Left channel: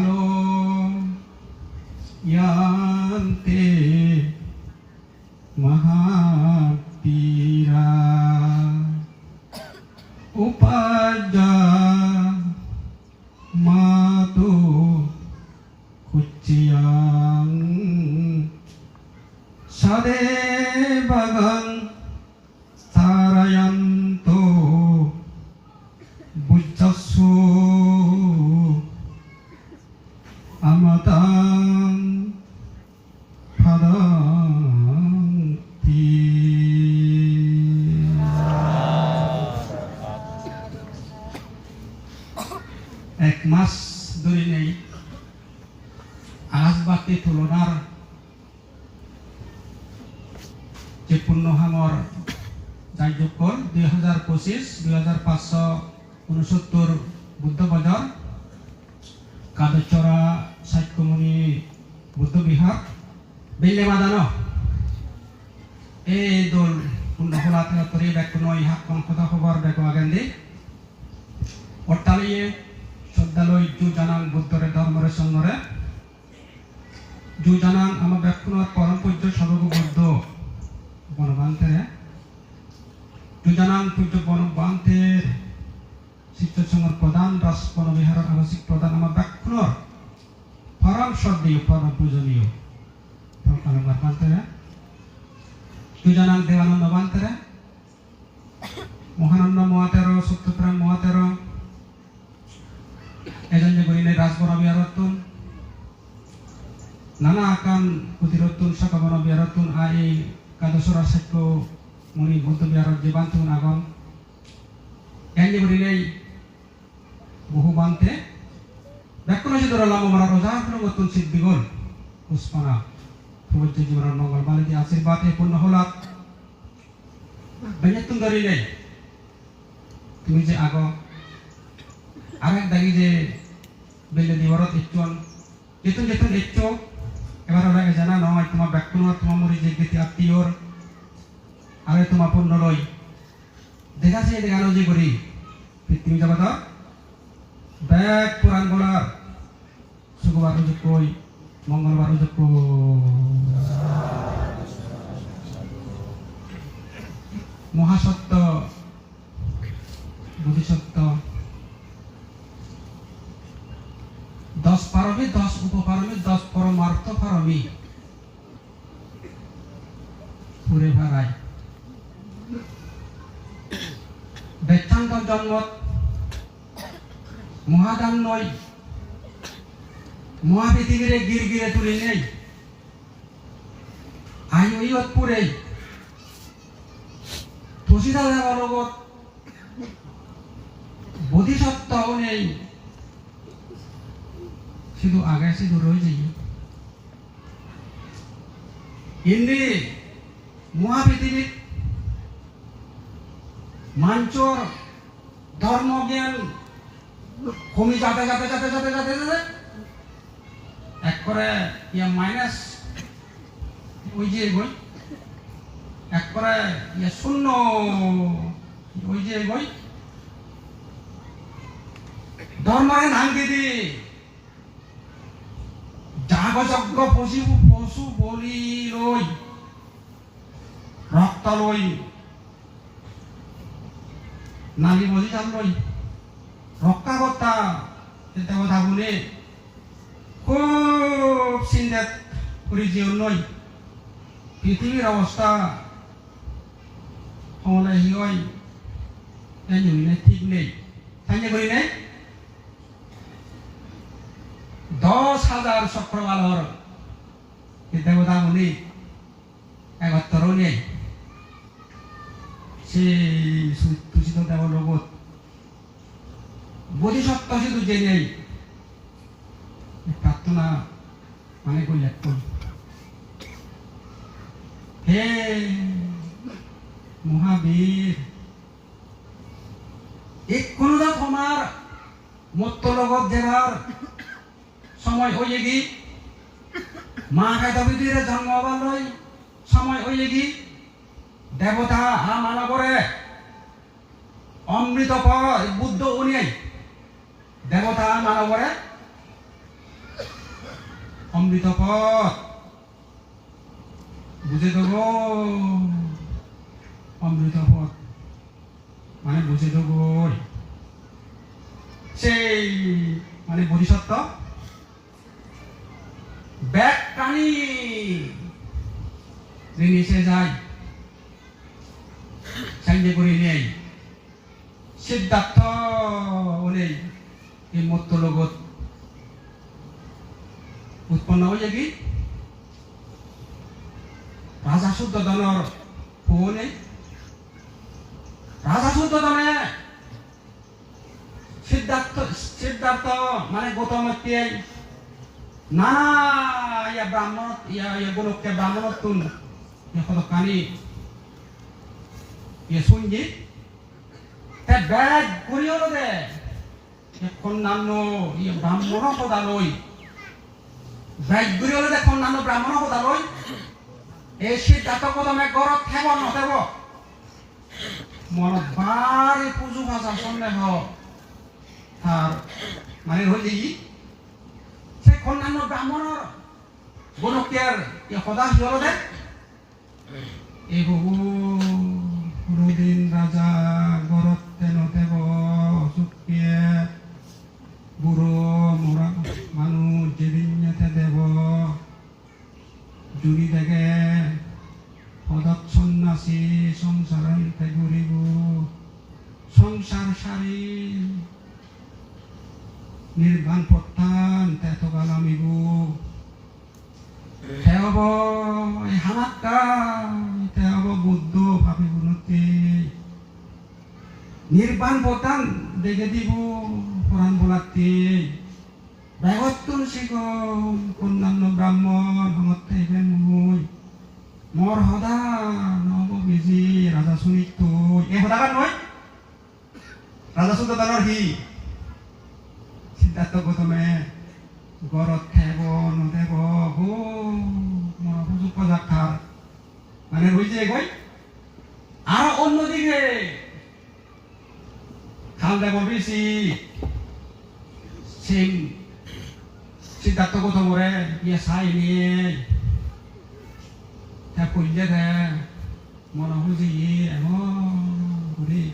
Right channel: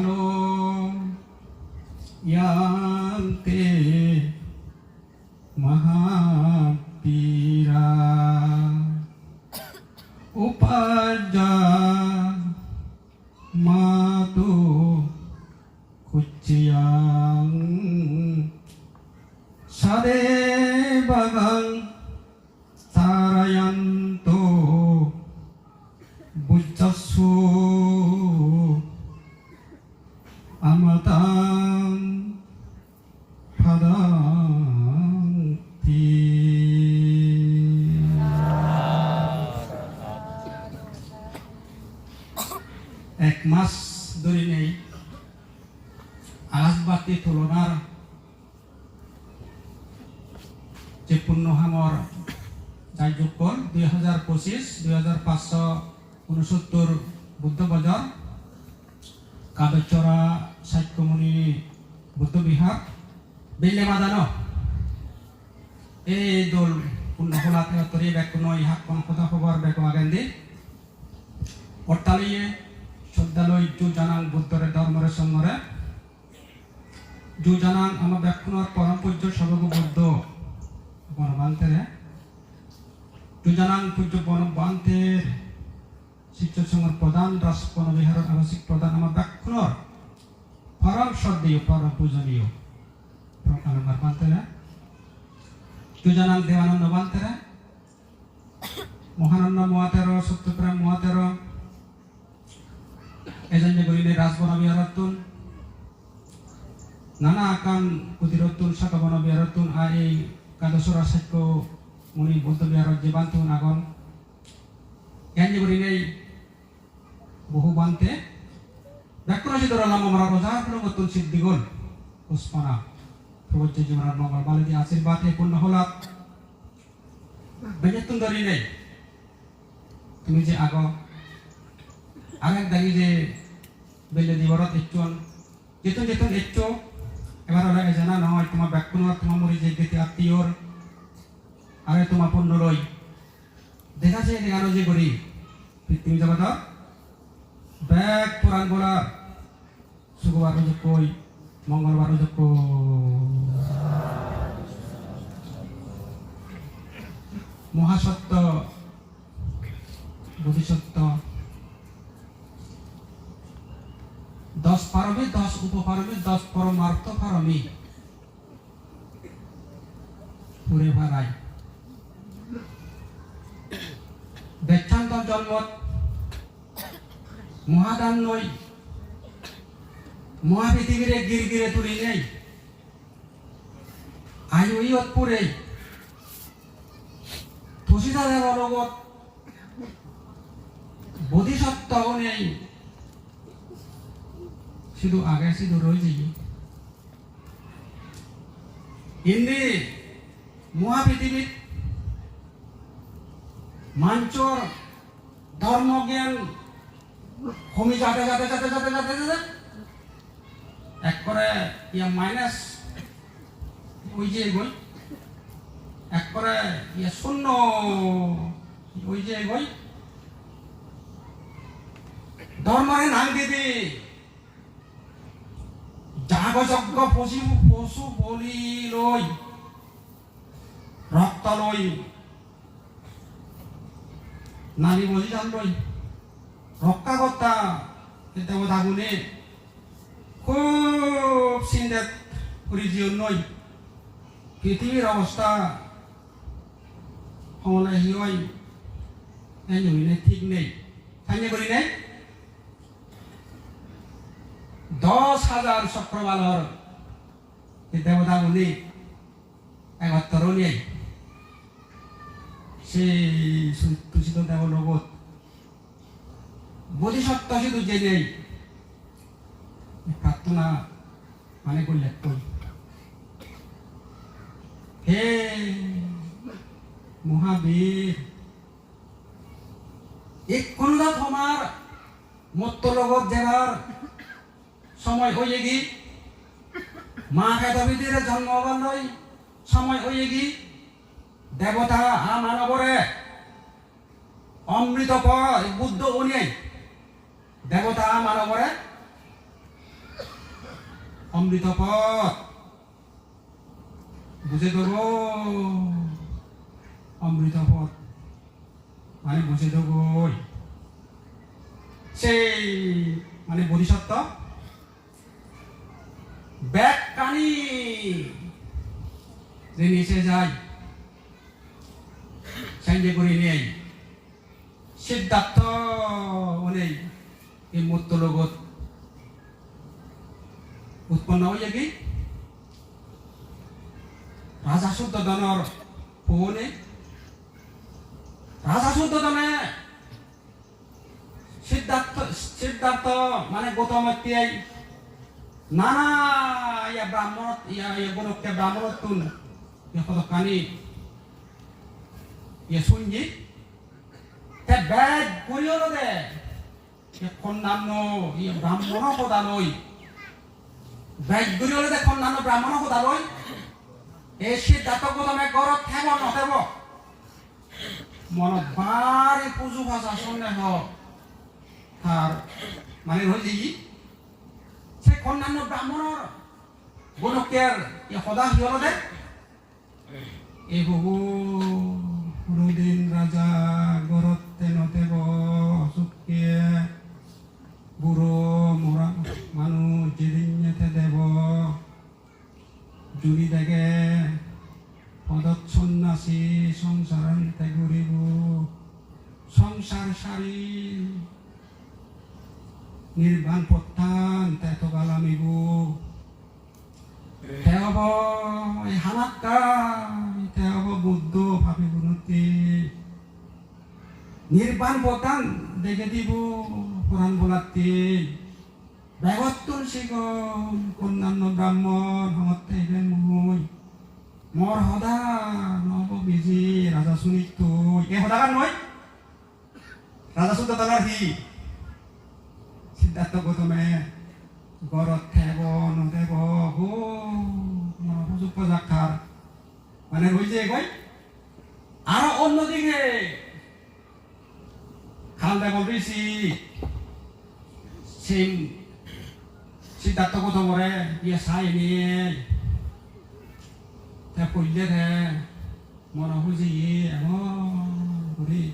Halo Yante Mahapira Upaja Matu Kuciyang Sade Bagang Sarayanto Bujasu Amatang Padanti এক মাস ধরে নেই আলাসবাতি তুলনার যে পূর্ণহামর যাইযোগকর 2025-2569 বুদ্ধ বাজার কাদচরা সাইকমুনি বুদ্ধ বিহার বেলে বাদানো এই দল পূর্ণহলা তরি ব্যাকুন ইহা কথা খবর ব্যাকু আগান্দি অট্টালিয়ে শ্রদ্ধালয় জু জানাং বুদ্ধরে ধর্মরে সঙ্গরে জু জানাং আমার ব্যাকুন পরম পূজ্য সর্বগ বুদ্ধ বনবান্তে জু জানাং পূজ্য বনবান্তের শিক্ষক সংঘের প্রধান রাস বনবিহারের আবাসিক প্রধান আমার ব্যাকুন পরম শ্রদ্ধেয় পরম পূজনীয় আলঙ্কার বান্তে জু জানাং দেবানন্দ বান্তে মহানন্দ মহাতের সত্যপ্রেম মহাতের এজন যে গরিনে রাজবন বিহারতুন নানা আকাম প্রতিরতুন সকাবন বিহারতুন এই কাদসরা সাক্য মুনি বুদ্ধ বিহার যে বান্তুন আগম এন যে গরিনে বহু বান্তে ব্যাকুণ যে ধরা লাম আমরা রোজা প্রগতুন সিদ্ধিগুণ পুষ্পনা প্রবজ্য জীবন মঙ্গল বালিতে আশীর্বাদ পূর্ণ হলাত বেনেতুন গরিনে তুমি যে আগম আরেক দাগি যে বেলে দিবরত ইচ্ছন যেতুন যেতুন ইচ্ছো এবার ওরা জানা নয় তোমার ব্যাকুণর তোমার মরি যে গীতি আত্মীয়র আরে তোমার পূর্ণ রই দেখা যায় দেখানো যে করি তুমি যাবা তো ব্যাগ পুরাণ বলার শুক্রবার যোগ কই মঙ্গলবার যোগ মহাসত্য বোধিসত্ত্ব 10 পারমী 10 উপপারমী 10 পরমার্থ পারমী পুরে ভাড়াই বেচান্ত জন্মত মহাদান্ময় মহাপৃথিবীরে গিরগিরে তুলি নেই আয়ুইয়ত পুরে তুষিদা দেবরগত বোধিসত্ত্ব নেই শুধু আগে শুধু রয়ে যাই ইন্দি মহাপৃথিবী মাঞ্চর ধর্মজ্ঞান কমে যাতে যাতে যাতে যাতে যাতে যাতে এক করে ইয়া মাইনাস ওই যে বই এক করে ইয়া শূন্য ওই যে বই ধর্মের নাম দিদি যাগযজ্ঞ পশু বলি লই রক্ত লই নারী বলি যাম লই রক্ষাকর্তা এটা কথা বলে খুব চিন্তাত পরিচয় নই পৃথিবীর অবস্থা হলে হিয় ঠিক নেই তাই করি নেই 10,000 চক্রবালর দেবতা উনি একত্র নেই সেই তুষিত দেব লগত বোধিসত্ত্ব শুধু যে নেই প্রার্থনা মানে করলে হে মহাবীর এক কোনটা তোমার মত্ত লগত জেলার সময় হয়ে গি মা কায়দবিদির জন্ম হবার সময় হয়ে গি দেবতা মানবরে অমৃত বুদ্ধ উনি দেবতা মানবরে অমৃত পথ বুঝে দেব অমৃত পথ মানে বুঝে দেব সেই মানে বোধিসত্ত্ব ব্যাগ কানি নিচে যায় সাইন্ডে করে নেই সিদ্ধার্থ নেই এই মত্ত লগত উৎপন্ন হয়ে কি রাজা শুদ্ধোধনের পুনে রাজা শুদ্ধোধনে সিদ্ধার্থ মানে গৌতমকে নানা ইয়া ব্রাহ্মণ ইয়া গুণকে ব্রাহ্মণত্বন কানি ইয়ে শুনছি তে ব্যাগ করিও দে অন্যান্য ইয়ে ব্রাহ্মণ পদালয় ব্যাগ করিও দে অন্যান্য ব্রাহ্মণ পদালয় এই সিদ্ধার্থ গৌতমে গরত থেব নথেব মন বারে পুজো ভাষা সামনে হোক আর মানে হইছে কি সে অন্যান্য ব্রাহ্মণর গণকের সদা হিয়ল দে এই বহু দুদিন রাজা গরতে নথেব চুকিয়ে বুড়ো মরা মানুষ জীবিন্যতে দেব জুড়ি দেখে পদত সন্ন্যাসী সংসারান্তে ঘুরিব সংসার সারি নির্বাণ প্রত্যান তেত গালামিব তেহব এই হামাক্কা তেহব বুদ্ধ ভাবি গুণতি নির্বাণ প্রত্যান দেখে দিব পুরাণ বলাতে ব্যাগত্তর শিকল অন্যান্য ব্রাহ্মণ হমতে মুই মর হদা নব বিজি রাজা শুনিত এ হদা নয় রাজা শুদ্ধোধনের হি সিদ্ধার্থ গৌতমে গরত থেব নদেব গো মনোযোগ পদার্থার মানে হইছে কই আর অন্যদিকে খাল দেব বেশি সিং সিদ্ধার্থ গৌতমরে ইয়ে সাই নিয়ে তা কইলে দে মন বুঝি ঘুরি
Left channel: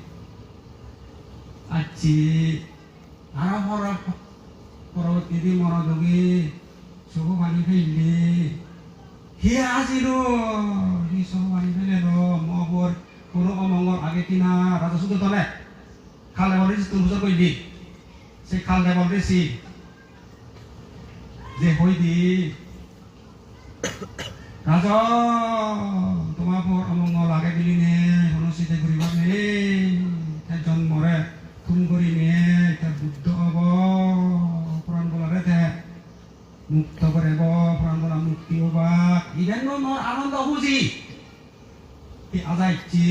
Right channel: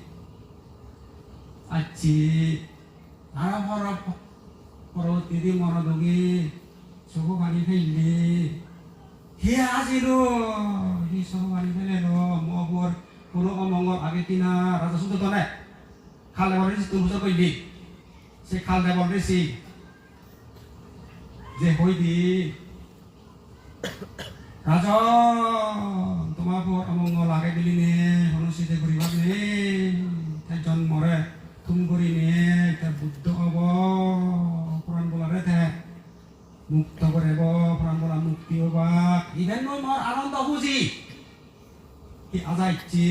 আচ্ছি আর পরবর্তী মনোযোগী চকু পানি ফেললি হি আজিল হি চকু পানি ফেলে মগর কোনো অমঙ্গল আগে কিনা রাজা শুদ্ধোধনে খাল দেবর তুমি বুঝা কইলি সে খাল দেবর বেশি যে হই দি রাজা তোমার অমঙ্গল আগে গেলি নে অনুষ্ঠিত করিব নে জন্মরে তুম করি নে বুদ্ধ হব পুরাণ বলারে তে মুক্ত করিব পুরাণ বলা মুক্তি হবা ইভেন মোৰ আনন্দ বুঝি আজাইছি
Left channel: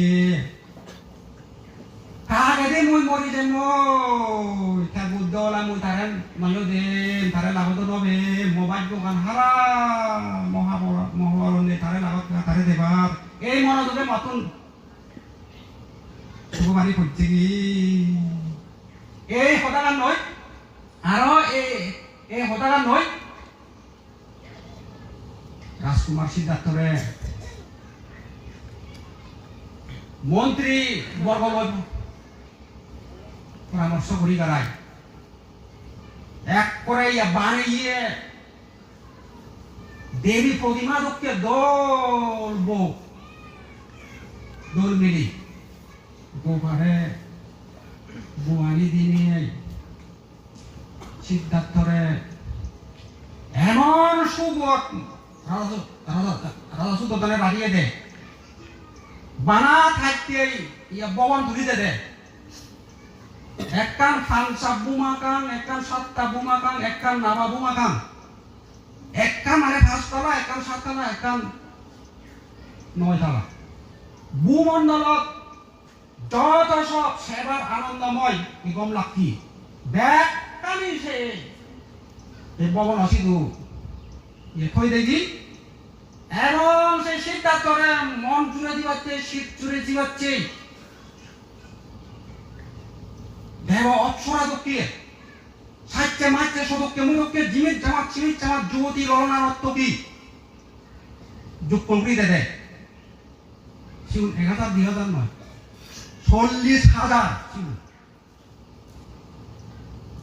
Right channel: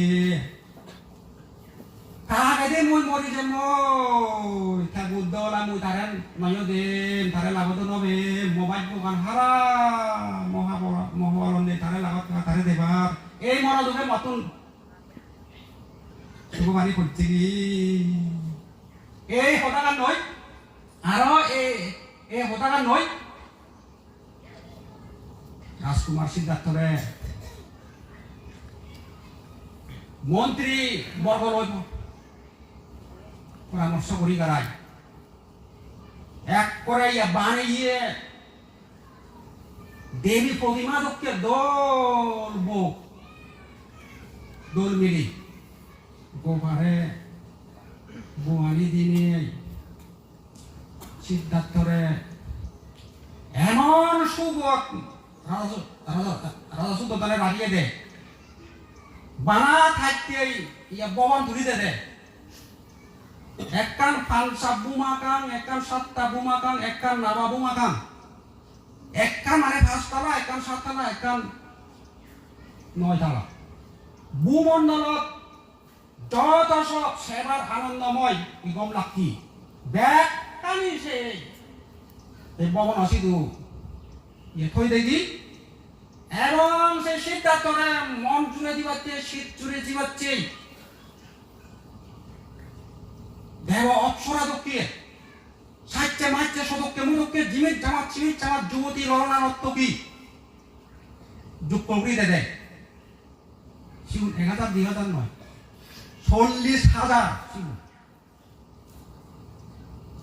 কাকে দে মই মরি যে মই তা বুদ্ধ হলা মই তারে নয় দেন তারে লাভত নবে মোবাইল দোকান হারা মহাবলনে তারে লাভত তারে দেবার এই মনোযোগে মাতুন ভগবানী করছি এই হতাগান নয় আর এই হতাগান নয় রাজকুমার সিদ্ধার্থরে মন্ত্রী বর্গ পরামর্শ করি দাঁড়ায় এক করে বানিয়ে দেবী প্রতিমা দক্ষে দোল মিলি গোপারে গোয়ালি দিনে সিদ্ধার্থরে এমন সুবত রাজা শুদ্ধোধনে বাড়িয়ে দে বানা থাকতে ইয়া ববন তুলিতে দে একখান ফালসা বুমাকাং একখান সাতটা বুমাকাং একখান নাবা বুমাকাং একখান মানে পাঁচতলা একখান সাততলা একখান নয়তলা ভূমণ্ডলত যত সব সেবার আনন্দময় গম লাকি ব্যাগ কানি সে এই ববন অসিদু থই দেখি এবং সেই সিদ্ধার্থরে মন জুড়ে দিবাচ্ছে শীত জুড়ে দিবাচ্ছে দেব অপ্সরা দক্ষিয়ে সাহিত্যে মাইত্যে সদককে মুখকে জিমিত জামাত চিমিত জামাত যুবতী লড়না নর্তকী যোগ কংক্রিটে দেয় শিউন 1000-2000 নয় 40,000 শিউন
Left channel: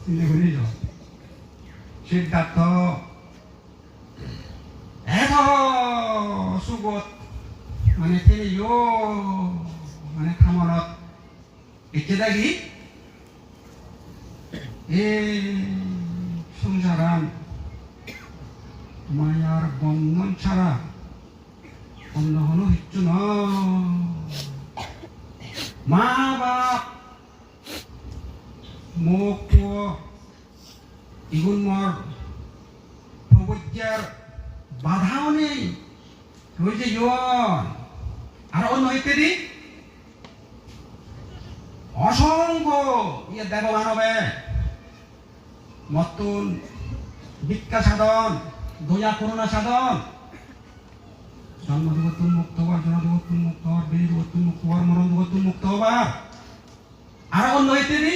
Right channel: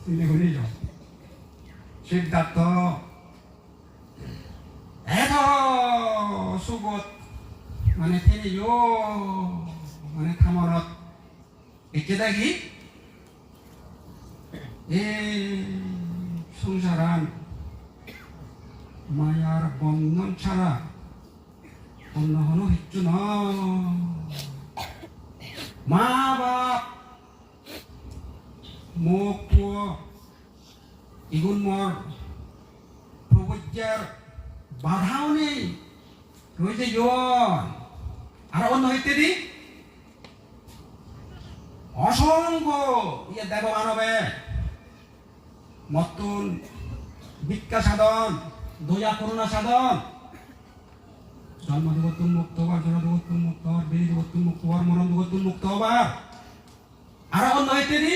চিন্তা করি যাও সিদ্ধার্থ এত সুবোধ মানে থেইও মানে থামনত একে দেখি এ সংসারান মায়ার বন্ধন ছাড়া অন্য কোনো কিচ্ছু নয় মা বাপ মুখ এগুন মর প্রবজ্ঞার বাধাও নেই রয়েছে আর অন্য ইত্যাদি অসংখ্য ইয়ে দেব মানবে মতুন ভিক্ষা সাধন দয়া করুণা সাধন জন্ম জগতুন মুক্ত হবার জন জগতুন মুক্ত হবার বেরি জগতুন মুক্ত হবার মরণ জগতুন মুক্ত হবার আর অন্য ইত্যাদি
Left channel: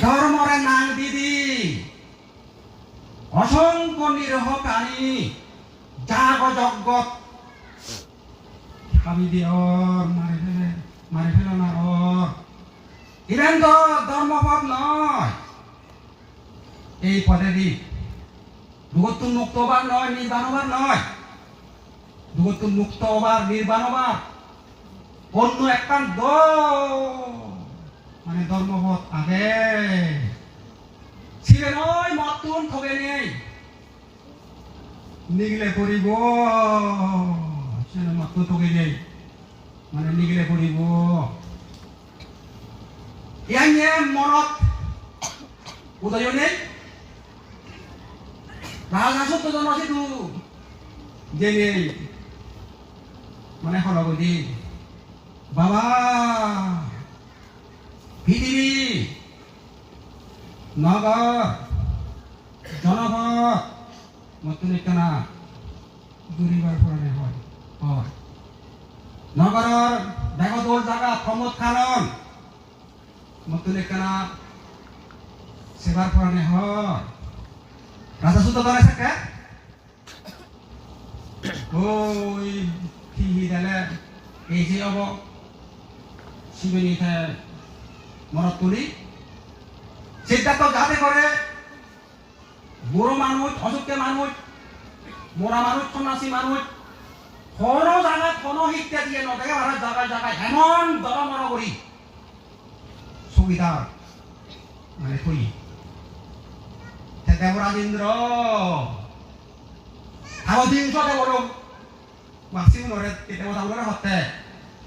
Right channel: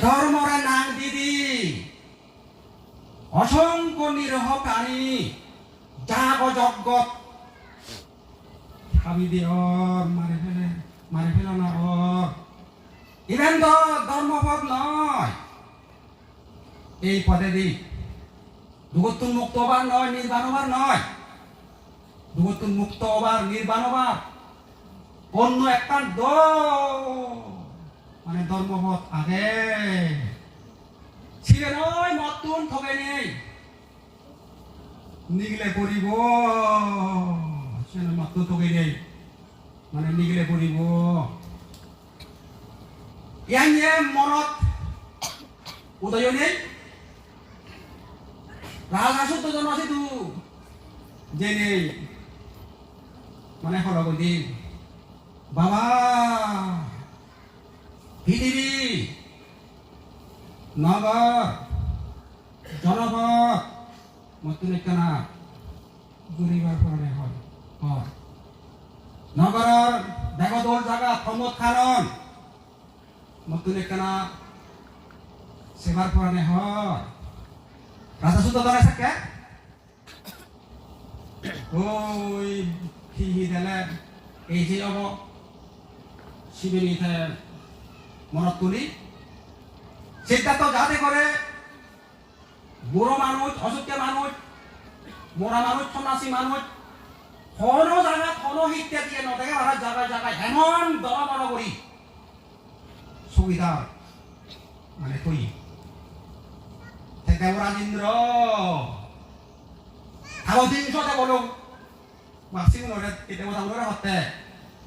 ধর্মরে নাং দিদি অসংখ্য নিরহ প্রাণী জাগ জগৎ ভাবি দিয়র মারে ফেলো না ইভেন তো ধর্মপদ নয় এই পদে দি জগতুন মুক্ত হবার নয় নির্বাণ হবার নয় জগতুন মুক্ত হবার নির্বাণ হবার অন্য একটা মানে ধর্মপদ আগে ছিবে নয় মতুন থবে নেই নিগলে করিব মতুন থবে নেই মানে নিগলে করিব ইয়াইনে মনত উদয় নেই রাজহাঁসত জন আছে তু যে নেই মানে হরগদি বাবা পৃথিবী নগর জনপদ নতুন একখানা গরিবার পরে হয় নগরের বেগদোল জায়গা প্রমোদ খানন নতুন একখানা সেবার পরে হয় রাজা সুদ্ধ ধরে থাকে ওই ঠিকই দিলে এই যে হব শিবিনী মনত তুলি সেটা তো যাতে করে বুড়ো মানুষ অসুখে মানুষ মরা মানুষ সন্ন্যাসী মানুষ কোনো জায়গায় কোনো শিক্ষা দিয়ে নদেগে ভাড়া জায়গায় জায়গায় এমন দরমর করি সুবিধা মানে তুই দেবরাজেন্দ্র থাকতে বলো মাসিম নরে দেবতাগণের হতে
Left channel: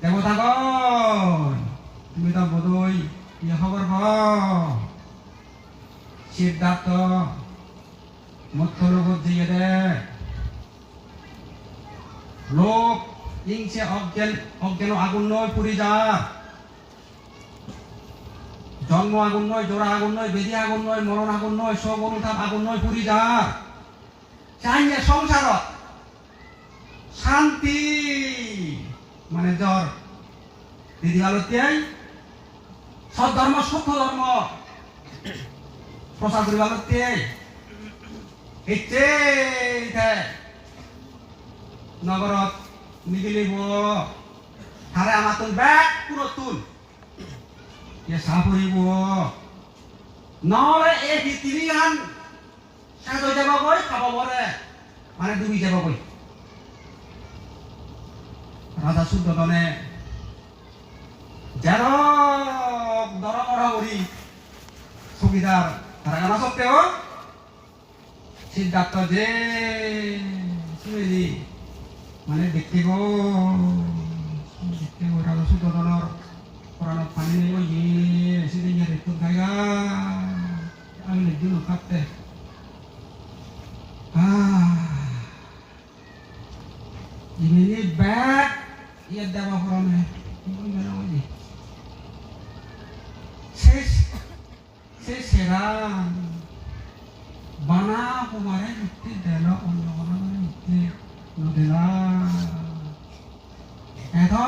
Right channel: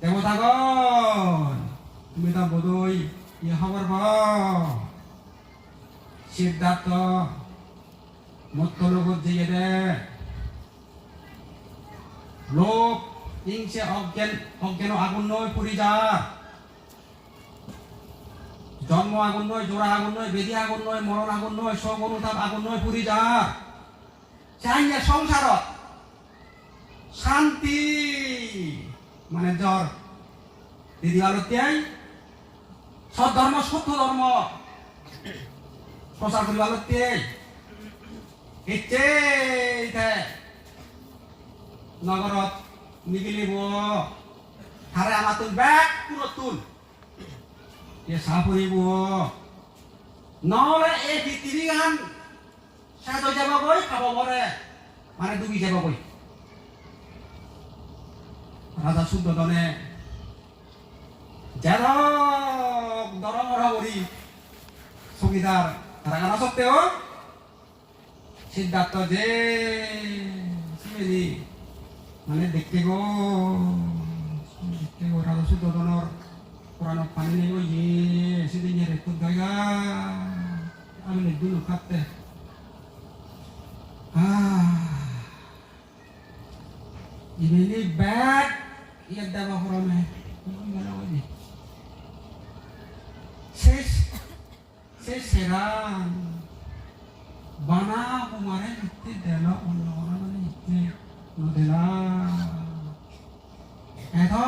দেবতাগণ তুমি তো বোধই ইয়ে খবর সিদ্ধার্থ মধ্যলোক দিয়ে দে লোক ইংসে অজ্ঞান আগুন নয় পুরি যা জন্ম আগুন নয় জোড়া আগুন নয় বেদি আগুন নয় মরণ আগুন নয় সগুণ আগুন নয় পুরি যা চাইলে সংসার শান্তি মানে জ্বর দিদি আলোত্যাই সব ধর্ম সুখ ধর্ম প্রচার করি আলোত্যাই ইচ্ছে নগরত নিগিলিব হারে আমার তুন ব্যাগ পুরো তুন ইয়ে সাফ হইব নহলে এই পৃথিবী গান শেষ হয়ে যাব বই খাব বলে মানে ডুবি যাব বই রাধা শুদ্ধনে যার দরমর করি সুবিধার তারা গানা সত্ত্বেও সিদ্ধার্থ যে শুনেছি মানে দেখিব রাধা শুদ্ধনের কোরআন পানি নেব ইয়ে সেদিন একটু জায়গা আমি একদিন থাকতে ini bad ia dapat horone ses serang bana kemarin itu dalam orang itu modela itu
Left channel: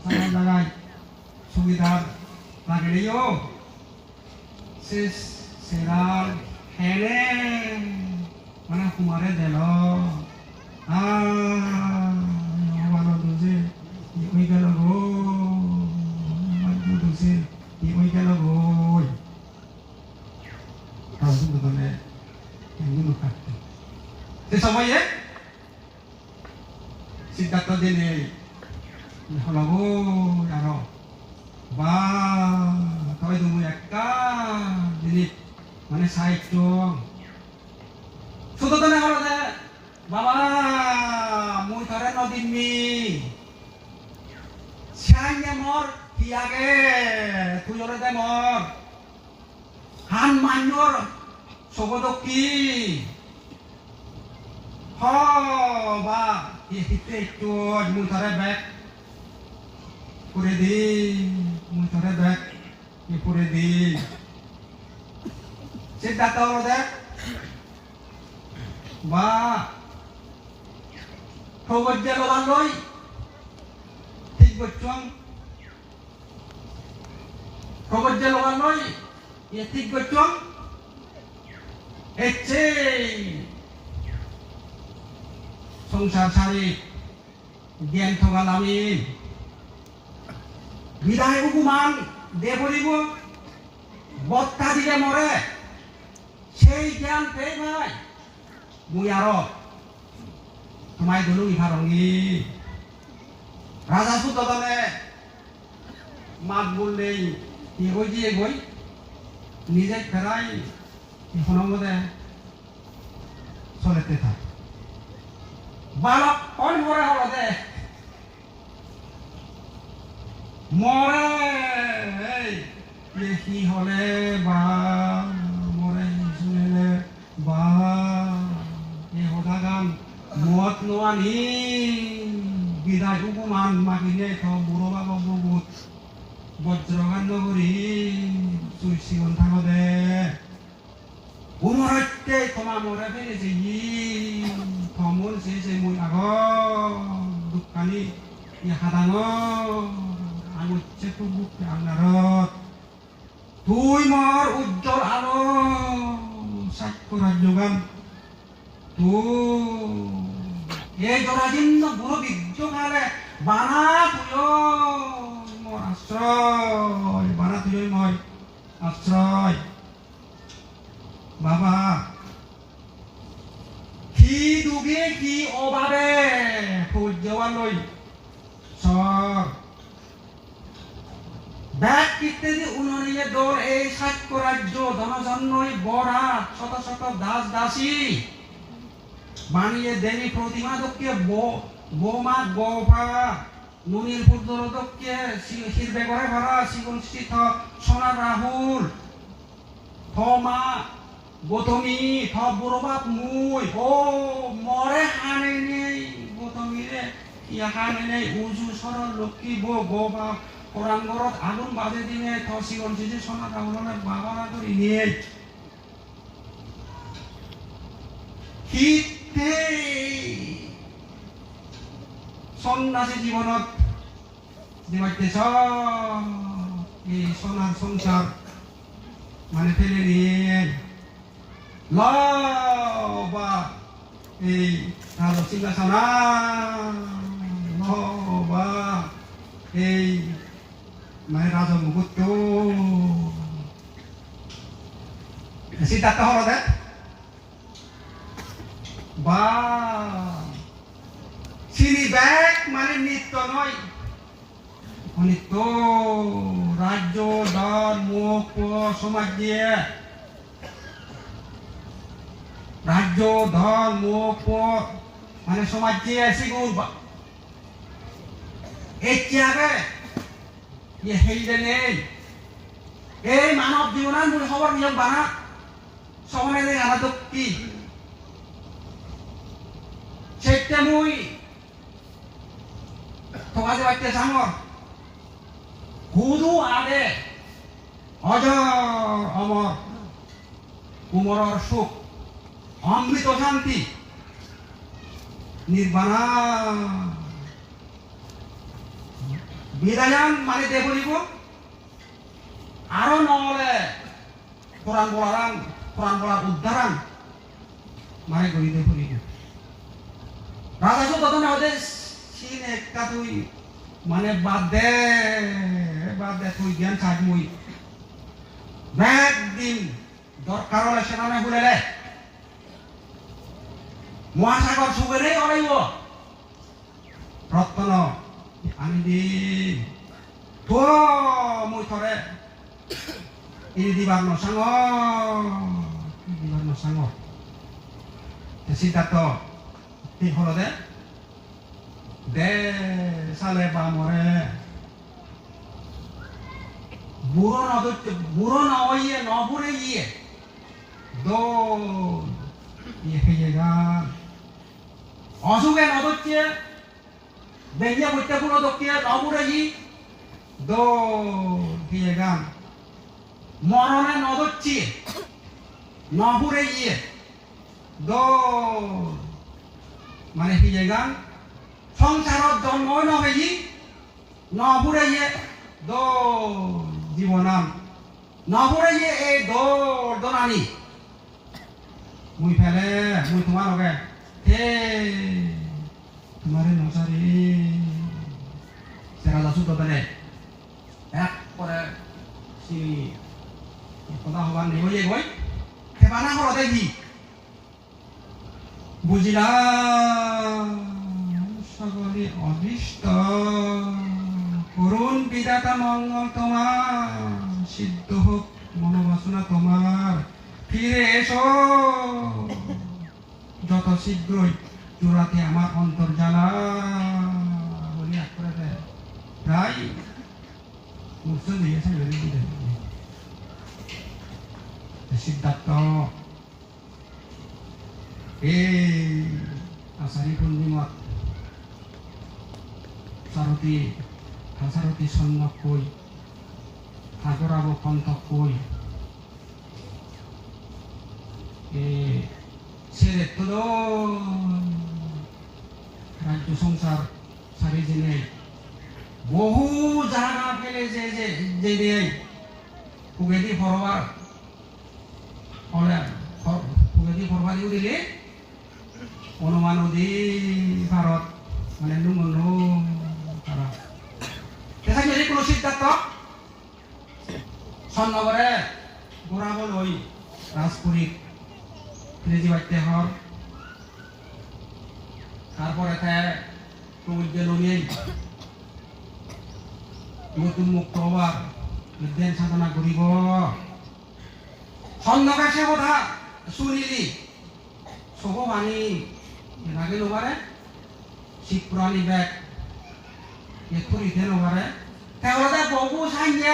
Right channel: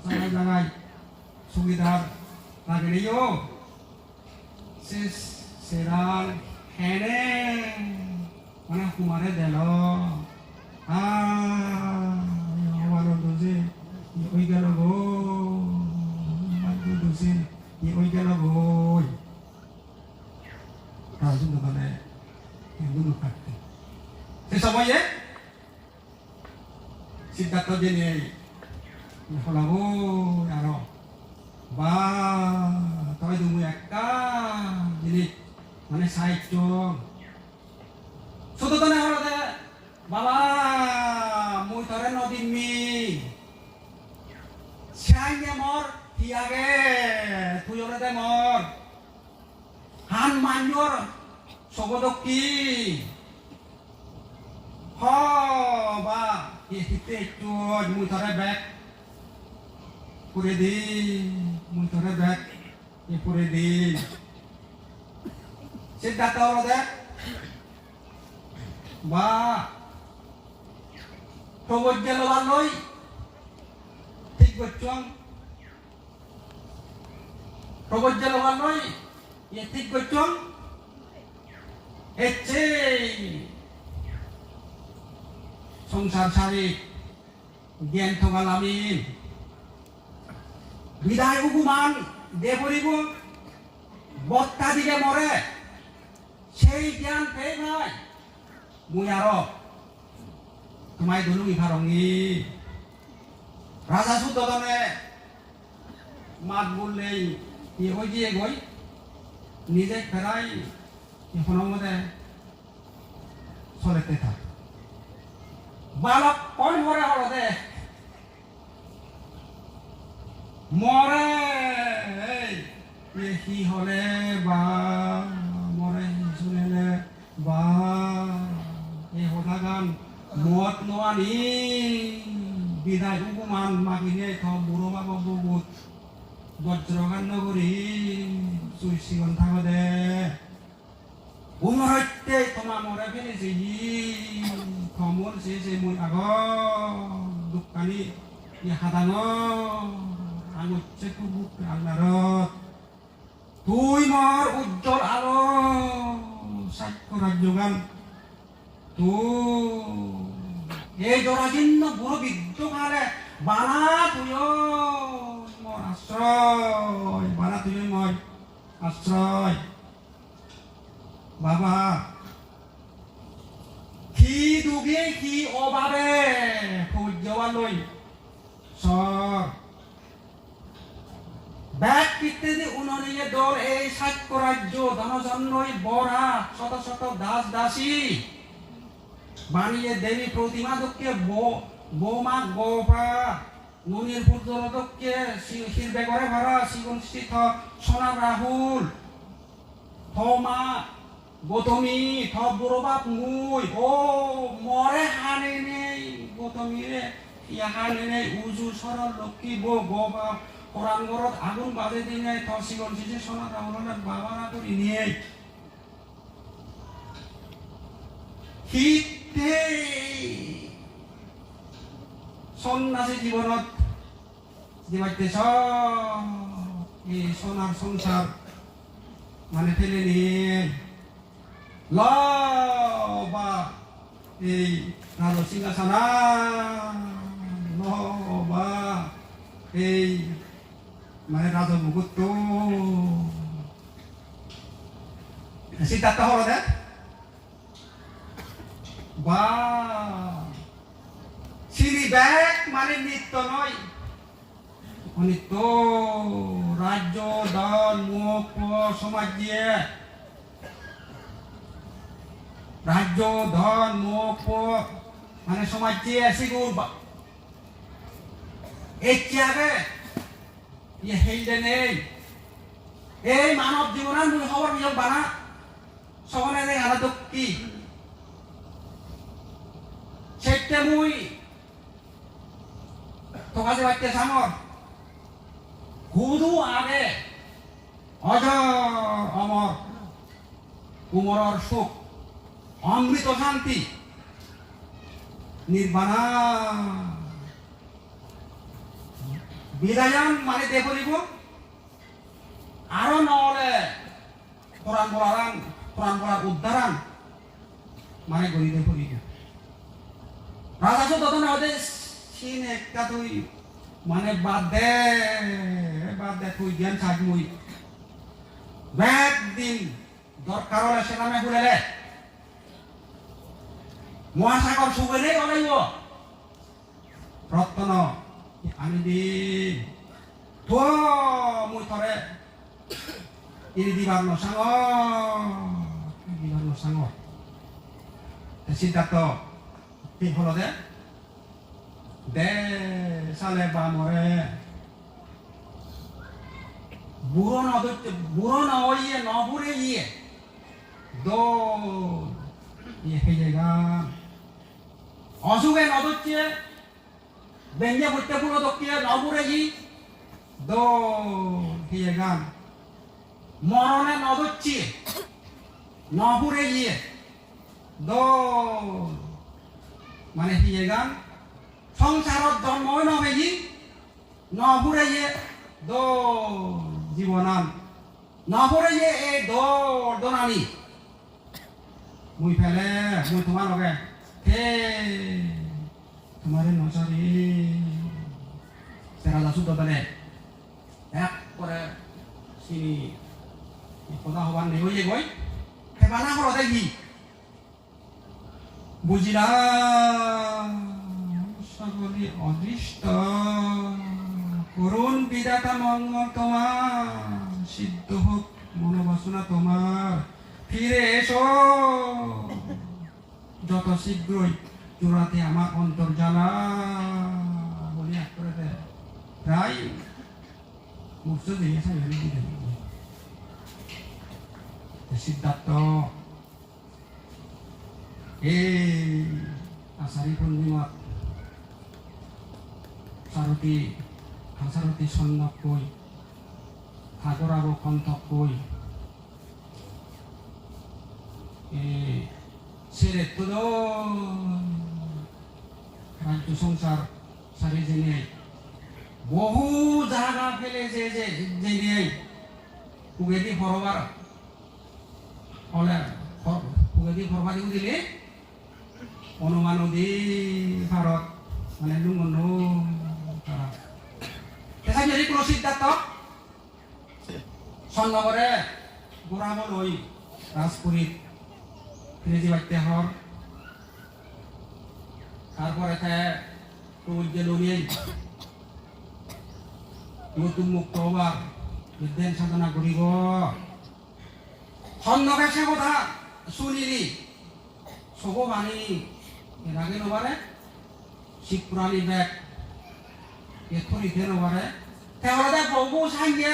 saya jagai sudah lagi dia ses Rasul bukan yang bukan. Sesamanya Siddhartha dini lagu yaro ba toy dulu yakka jadi mana saicung sudah tanah halo deh baba muy thore nodimi sianya mor hiage tuyore de mor han manyor sogodoki ho ba hite chuột muy thore bek puredi muy thore bek ni puredi Siddhartha halo deh ba Provojja lawan loi ঠিক বচ্চং Provojja lawan loi ya ঠিক বচ্চং এচ্ছে সংসার সারি জ্ঞান থগালামি বিদায় উপমান দে পড়িব বত্তা দিলে মরে সেই জ্ঞান পেয়ে নাই মুই আরো তোমায় dulu ibarongi Raja Sutodone magbul nei egoi ji egoi nije ferai ihono mode solete tha balak on more holode more ei ki hole ba more sunile ba ei hodagan muat noani bidah hukuman makine tho buroba babut bojrogan nogori suisi untangode umaratte thoma more bene jeyi thomun se mun ago dukkani ya hadango anu cekubuk anarot tui mor ujjol aro sakura jugan tu এই জরাজীর্ণ বুড়ো বিদ্যকালে বানা তুইও মোর আশ্রয় বানা তুইও মই আশ্রয় বাবা কি দুগে কি অভাবে সূর্যৱালৈ সব ব্যাগ ইত্যাদি উননিয়ে দৌড় এই সাক্ষ্য রাজ্য ধনজন্মই বরা শত শত দাস দাসী বানিয়ে দেবী প্রতিমাদককে বোমা গোপা নুনির পুত্রদককে শিরবে করে ভরা শিবনস্থিত সোনা রাহুল থমা গৌতমী থ বুড়োবাপ মুই ও মরে হানে নেই গৌতমী রে ইয়া হানে নেই উজু সরল লক্ষ্মী গোপা পরাঙ্গরত আগুন বাজে দিনে থ শিবনস্থিত সোনা রাহুল বাবা করি নিয়ে হিতে সন্ন্যাসী জীবনত যেবাইতেছ এই সোনার সংসার মানে ফেলে নিয়ে লবা এই রাজ সিংহাসনা লবা এই মানে রাজ মুকুট সিদ্ধার্থ হল দেখ বা সিঁড়ি ব্যাগ মানে নিত্য নয় নিত্য রাজ্য দল মুখ সমাজ দিয়ে রাজ্য দল মুখ মানে সমাজ দিয়ে সিগুর এই ত্যাগে ইয়ে হেইলে নেই এই মানব জীবনের মূল খবর নিয়ম বানা সমানে আনা কি সেটা মুই তোমার বাড়িতে সামর হুদু আগে অজর অমর কুমরর সুখ অমৃত শান্তি নির্বাণা বিদায়ান মানে দেবলিব আরো নহলে কোরআন বলার উদ্ধারান মানে গণিত দেবলিব রাজা সুতদনে হতে সিন একটা তুই মানে বাদ দে তুই জ্ঞান থাকবই ব্যাগ দিন দরকার হলে সেখানে ঘুরেলে মহাসাগর সুগেলেই অলাইব রত্ন আনি দি তো মুই থরে ইনি দিবার নসাঙ সিদ্ধার্থ ঠিক হলো দে সালে বামরে বুড়ো নইয়ে নবুরে ইয়ে দো ইয়ে জায়গা অসুখে নদচ্ছে বেঙ্গে বুঝতে পুরো দক্ষিয়ে নবুরে ই দো ইয়ে গান মরণে নদচ্ছি নবুরে ইয়ে দো মানে কি জায়গা সংসারত জন্মই নবে ই নবুরে ইয়ে দো জীবনান নবুরে ইয়ে এই দো দোনানি মুই ফেলে মুই তোমার লগে হে তোমারে নসারি সেরা দাসু তো বেলে এক করে সি কথা হবার নেই হয়ে গই হেবানা হলো দেখি বুঝিলাম সকলে অদৃষ্ট করুণ বিধাতা মঙ্গল তোমার সিদ্ধ হোক মনোবাসনা তোমার ফিরে এসো যত শীঘ্রই চূড়াতে আমার অন্তর জ্বালা বলি প্রায় উৎসব দিয়েছে সিদ্ধার্থ এই আষাঢ়ী পূর্ণিমাত সারথী সন্ন্যক কই আগরাব কণ্ঠক কই ছেড়ে তো রাজ্য সংসার সারি জেনে বহু জায়গা পেলে যে কুবেদি ভরবার কুবেদি ভরবার দিলে অনুমান নদী ভারত মানে ভারত দেখা গেলে কোনো সিদ্ধার্থ সন্নগরে গোড়াবল ওই রাজপুরীর ফিরে বাড়তে হর তারপরে প্রবুদ্ধ নিয়ে নতুন মুক্ত হবার বিদ্যান সাধনা করিব সন্নগে সে কথা শুনিলি সব বাণী নাগে নবারে শিখ পুরানি ব্যাগ এথুরিতে নবারে তাহলে বহু সাইয়ে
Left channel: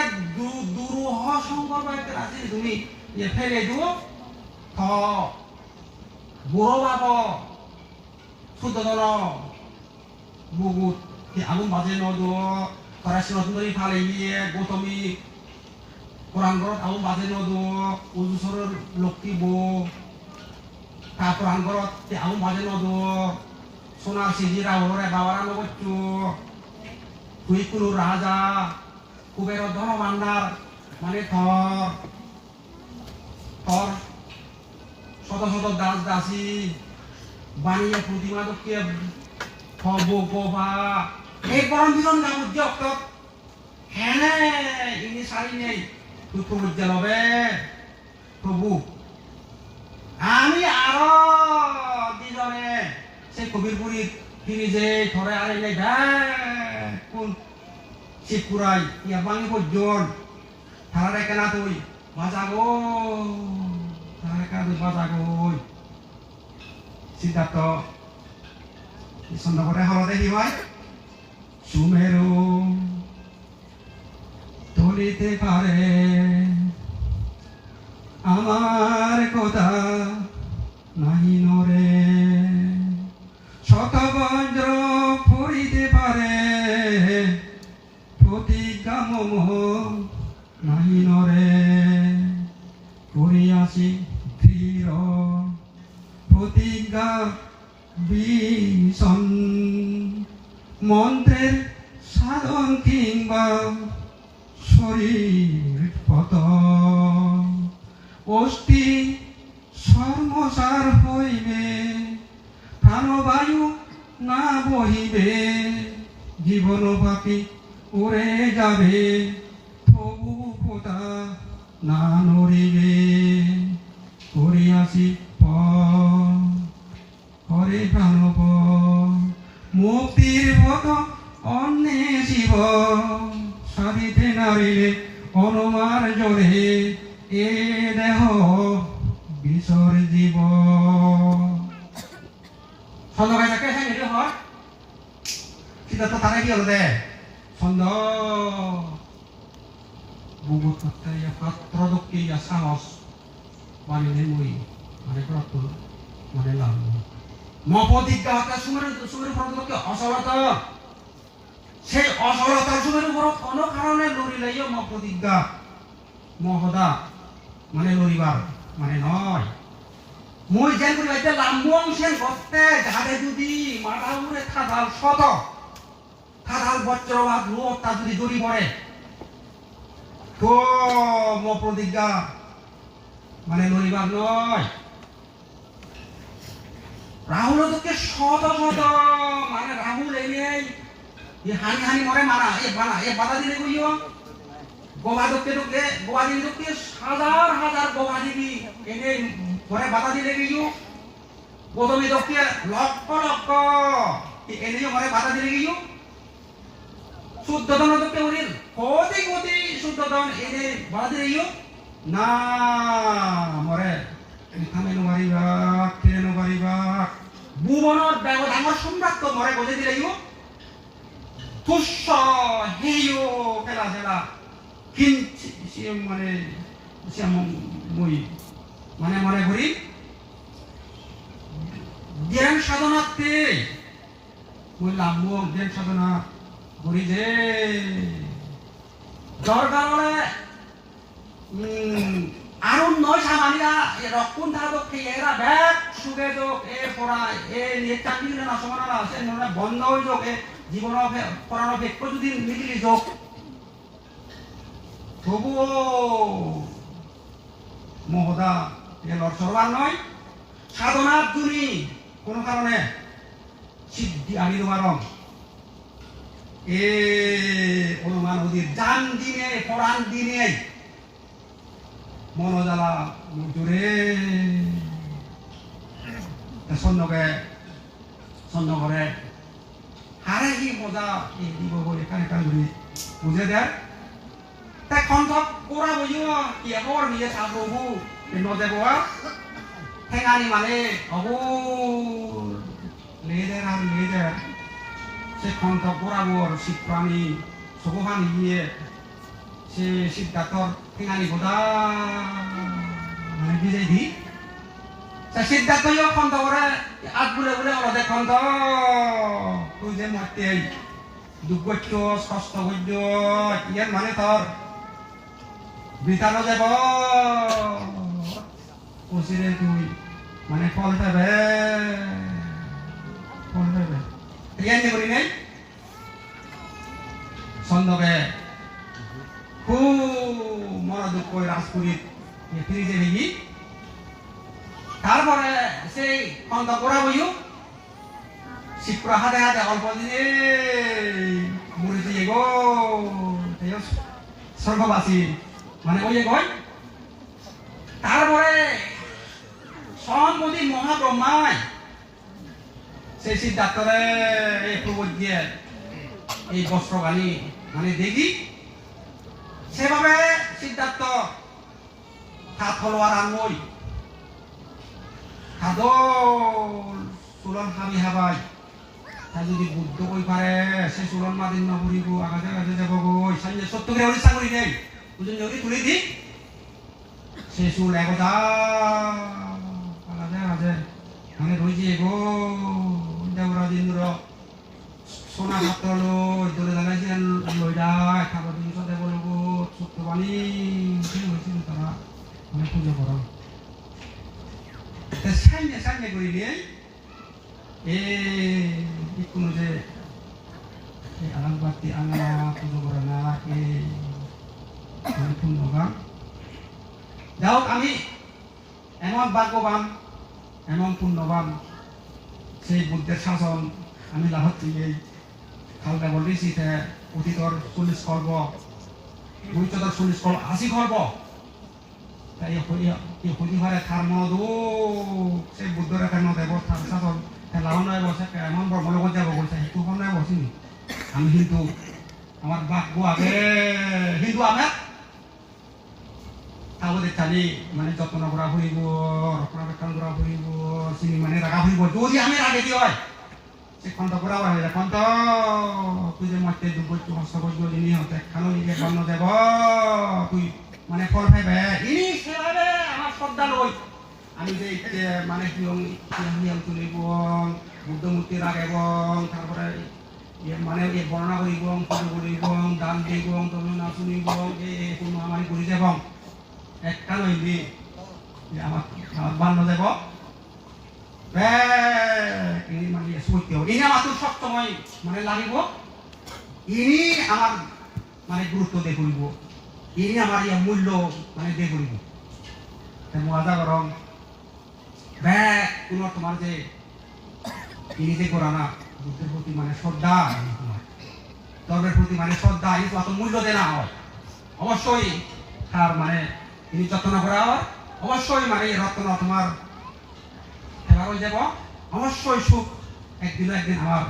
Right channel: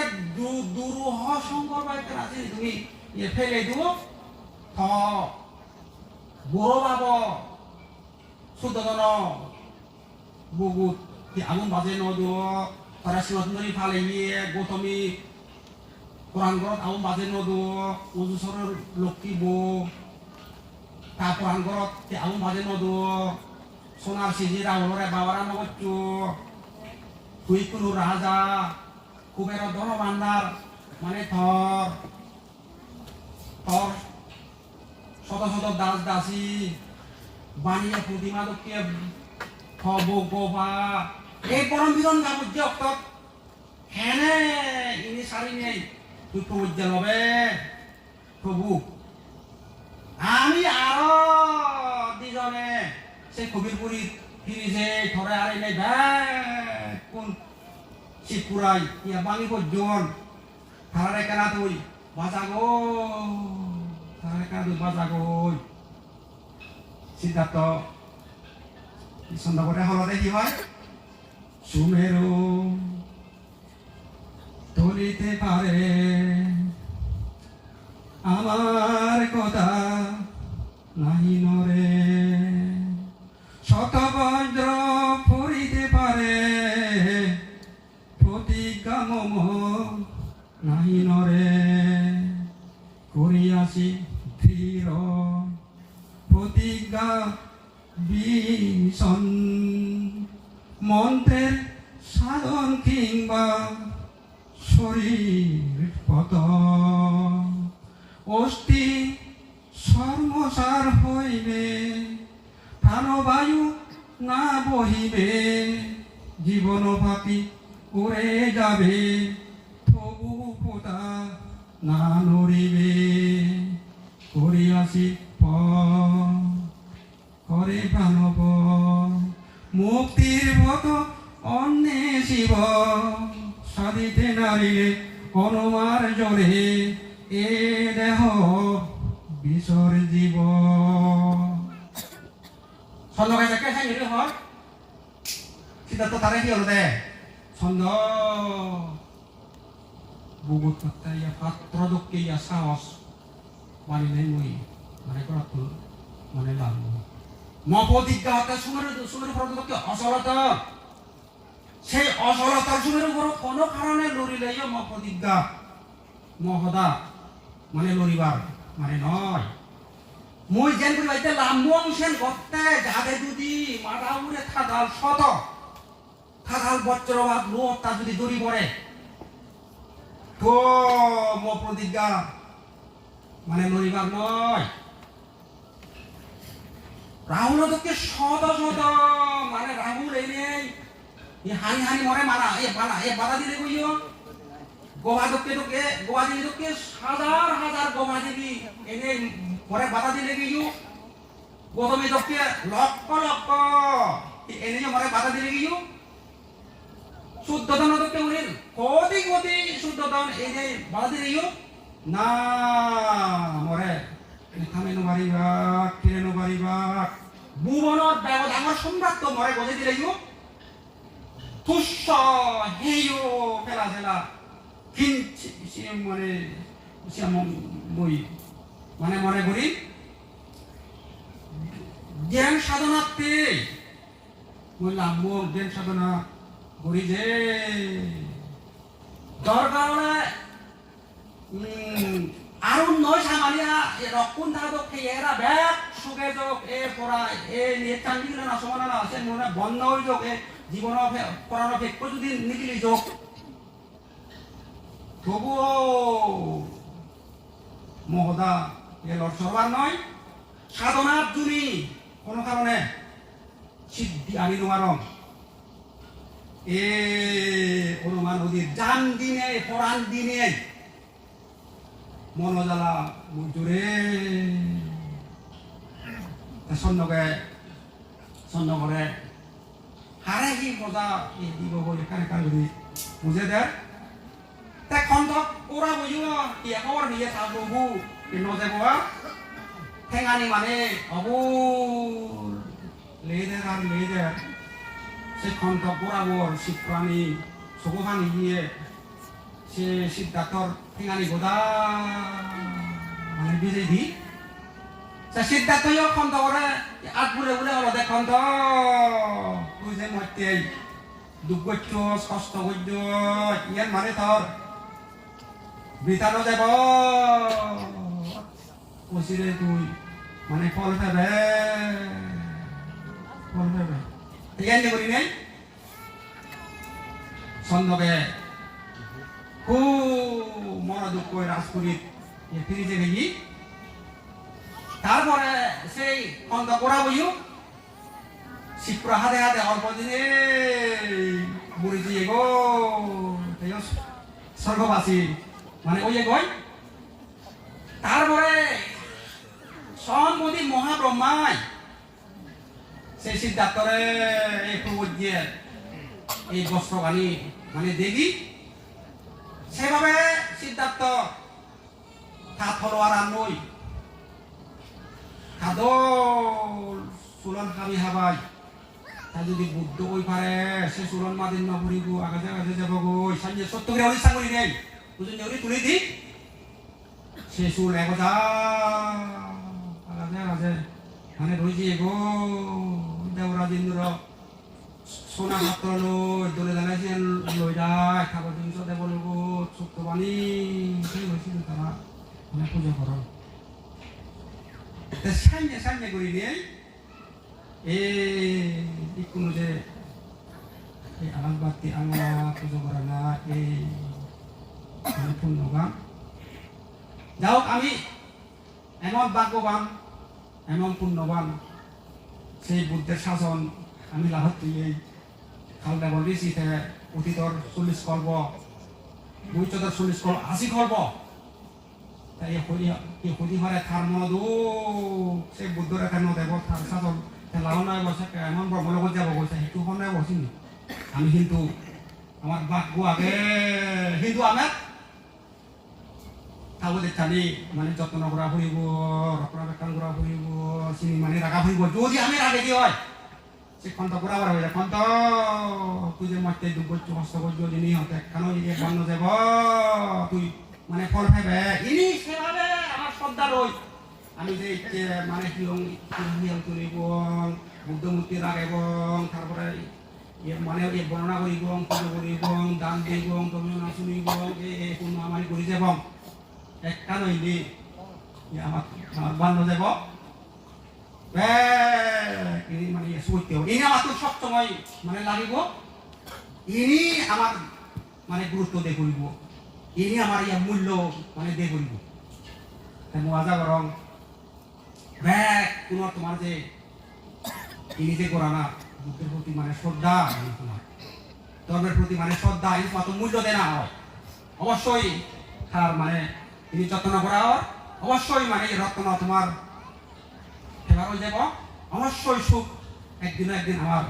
দুরূহ শঙ্কর ব্যাগ আছে তুমি ফেলে দিব থ বুড়ো বাব সুদন বুগুত আলু বাজে নদো তারা সিনরি ফালে গিয়ে গৌতমী পুরাণগড়ত আলু বাজে নদো উজুসরের লক্ষ্মী বউ তা পুরাণগড়ত আলু বাজে নদো সোনার সিজি রাহুরে বাবারা নগচ্ছু তুই কোনো রাজা কুবের ধন ভান্ডার মানে থর শত শত দাস দাসী বানিয়ে প্রতিমা দক্ষিয়ে খব গোবা এই পরম বিরন গামুজ্য অক্তক হ্যাঁ ইনি সারি নেই তুই খুঁজতে হবে প্রভু আমি আরো দুজনে সে কবিরপুরি ফিরি যে ধরে আরে নেই কোন শিবপুরাই ইয়া বাঙি পর্যন্ত থানারে কেনা তুই বাজাগো সিদ্ধার্থ সন্ধ্যা হলদে কি হয় সুমেরু তলিতে পারে আমার কথা নাহি নরে শতবজ্র পড়িতে পারে প্রতিজ্ঞা মম নাহি নরে করিয়াছি ধীর প্রতিজ্ঞা ভীষণ মন্ত্রের সাধন কিংবা শরীর পত অষ্টি সর্বসার হইবে প্রাণবায়ু না বহিবে জীবন পাপি উড়ে যাবে তবু পোতা না নড়িবে করিয়াছি করে প্রাণব মুক্তির পথ অন্বেষিব সাধিতে নারীরে অনুমার জোরে এ দেহ বিসর্জিব ছন্দ গাইজাকে হ্যাঁ এটা হয় সেটা তো তারা কি হলো দে ছন্দ বুবু কুত্তাইয়া পাত্র দক্ষিয়া সাহস বানিলে মই মানে কত মানে লাভ মপদিজ্ঞা হতা সুমের প্রদত্ত অসলতা সে অসলতার সুমের উপর কোনো কারণে লড়ি লাইও মপদিজ্ঞা মহদা মানে লড়িবার মানে নয় মই যেন করি বাইতে লাম্বং সেন গত্তে গাদে যদি মাথা উড়ে থাদাল শত থাদাল বজ্রবাদ রূপ তা যদি দড়ি পড়ে তো মপদিজ্ঞা মানে লড়িবার নয় রাহুল তোকে শত শত মানে রাহুল এই হানি হানি মরে মারা এ বাধা দিলে কইও গোয়া তোকে গোয়া দিলে তোকে হাজার হাজার গোয়া দিবি এনে পরে বাধা দিলে গিয়েও প্রথমে তোকে লক্ষ লক্ষ এনে মরে বাধা দিলে গিয়েও শুদ্ধতন তোকে উড়িল কোটি কোটি শুদ্ধতন এনে বাধা দিলে গিয়েও না মরে থামে নুবারিবা ফিরে নুবারিবা ভুবনত ডাঙর সম্রাট তো মরে বজে দিলে গিয়েও তুষ্য হেয় ফেলা ফেলা কিঞ্চি মানে নই মানে মনে করি জ্ঞান সাধনাতে বললাম জ্ঞান সাধনা করি যে দরকারে আরো নয় সামানিয়া রক্ষণ ধারকে এরা ব্যাগ সুগে যোগ এ পড়া এ নিয়ে চাকরি না সমানা আছে নয় বন্ধ হয়ে যোগ এ জীবন পড়ানো ভেক্য যদি নিগিলি যোগ তবুও মহদা এর সরবার নয় সাধনার তুমি কোনো কারণে সিদ্ধি আনি তোমারম এ অনুমান নদীর জান দিনে পরাণ দিনে মনোজালা জোরে সন্ন করে হারে কি মজা দিব এখানে কারণে বুঝে দেয় তাই খন্তক কোরা বইও কি একবার নিয়ে থাকবো নজে বাবা ঠেঙানি মানে অবু লেদের আর লেদের সে খন্তক কোরাবর শিবপ্রাণী শুভখানি গিয়ে সে সিদ্ধার্থর ঠেঙানি গোদা মানে বিজয় দি সে সিদ্ধার্থও খন্ত করে আজ বলে বলে ওরা খন্ত তুই যে মরতে দুঃখ করছ কষ্ট করছ ইয়ার মানে তোর বিতানো যাব ওসিরে তুই মানে ফল পাবে ইয়ার নে করি নাই সন্ধ্যকে খুব মরা দুঃখ রাজপুরীর ফিরে যাবে কি তারপরে সেই অন্ত করা বইও শিবপুর হাতে হাতে অল্প দিনে মরেছি এগো স্বর্গবাসী মানে ওই কই তারপরে সম্পত্তি মহাব্রহ্মাই সেই সিদ্ধার্থরে এই প্রবোধ দিয়ে এই বস্ত্র আনি মানে দেখি সেভাবে সিদ্ধার্থ হাত হলোয়ার আর নই হাদল চুলন হাবি হাবাই তাই যদি বুদ্ধ কই পারে সে চুলন মাদিন নপুরিব আগাজে আগাজে যাব গই সামনে সত্য করে হরিষা করি দেই বুঝুন যদি তুলে দি সে চুল একদা আগাজে আগাজে মানে রইছে গো দেবরা দিনর সোনা মাত্র লই দলে জানাইছে লই যায় খাবার জিনিস দেব লব সত্যবাণী সেই হয়েছিল তারা মানে পুজো করা সামনে করি দিয়ে একটু যে আলাদবাতি আল্লাহ পুজো করা না পূর্ণবান যাও আমি এমন ভাগ্যবান এমন পূর্ণবান সেই বুদ্ধের শাসন আমি লাভত তুলে খালটা বলেছি অতীতর 40 খর্ব 240 খর্ব 80 খর্ব তাই এই খুঁজি ঘরে থার মধু সে বুদ্ধর কেন দেব থার সাথে লাউ নয় বসে এমন ব্রহ্মলোক যাব বলছে হেতু নয় বসিনি আমি কিন্তু আমার বাপ আগে কিন্তু আমার তাহলে চালি মানে যত্ন করা ফুরিব রক্ষণাবেক্ষণ করা ফুরিব চিনি মানে রাখা ফুরিব যদি আমি আগে কি হয় সে খন্ত করা হয় খন্ত তুই যে মাঠে দুর্বল কষ্ট করবো যিনি হতে খানো নিজে বান্ন যাব তুই মানে ফল ফেবে ইনি সেভাবে আমার শ্রদ্ধা লই আমি যে মানে হিয়াল তুলিব বুদ্ধমূর্তি রাখ এবং তারপরে মানে বর্ণনা করিব পুজো করিব দান দিব তবে না শুনিব এই কোনো আমার করি যাব একটা লইলি আমার বান্ন যাব ইনি মানে সত্য ইনি আমার তো সবসময় মানে লাগিব ইনি আমার মানে গুরুত্ব দিয়ে করিব ইনি আমার ইয়া মূল্য মানে দিয়ে করিব মজা গরম কোনো তোমার যে ইনি যে করা না বুদ্ধের প্রতি মানে শ্রদ্ধা ধর্মের প্রতি মানে শ্রদ্ধা এই কত মূল্য দেনা হয় অবশ্যই তার মানে ইনি যত্ন করা হয় অবশ্যই মানে রত্ন তোমার এবার হয়ে যাব অবশ্যই সুখ একদিন আমার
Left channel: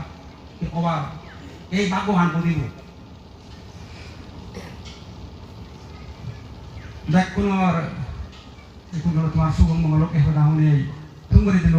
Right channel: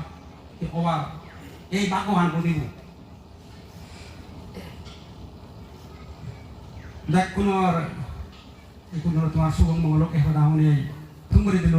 অভাব এই ভাগ্যবান করিব দেখ কোনো তোমার সুগম মঙ্গলকে মানে তুমি দিল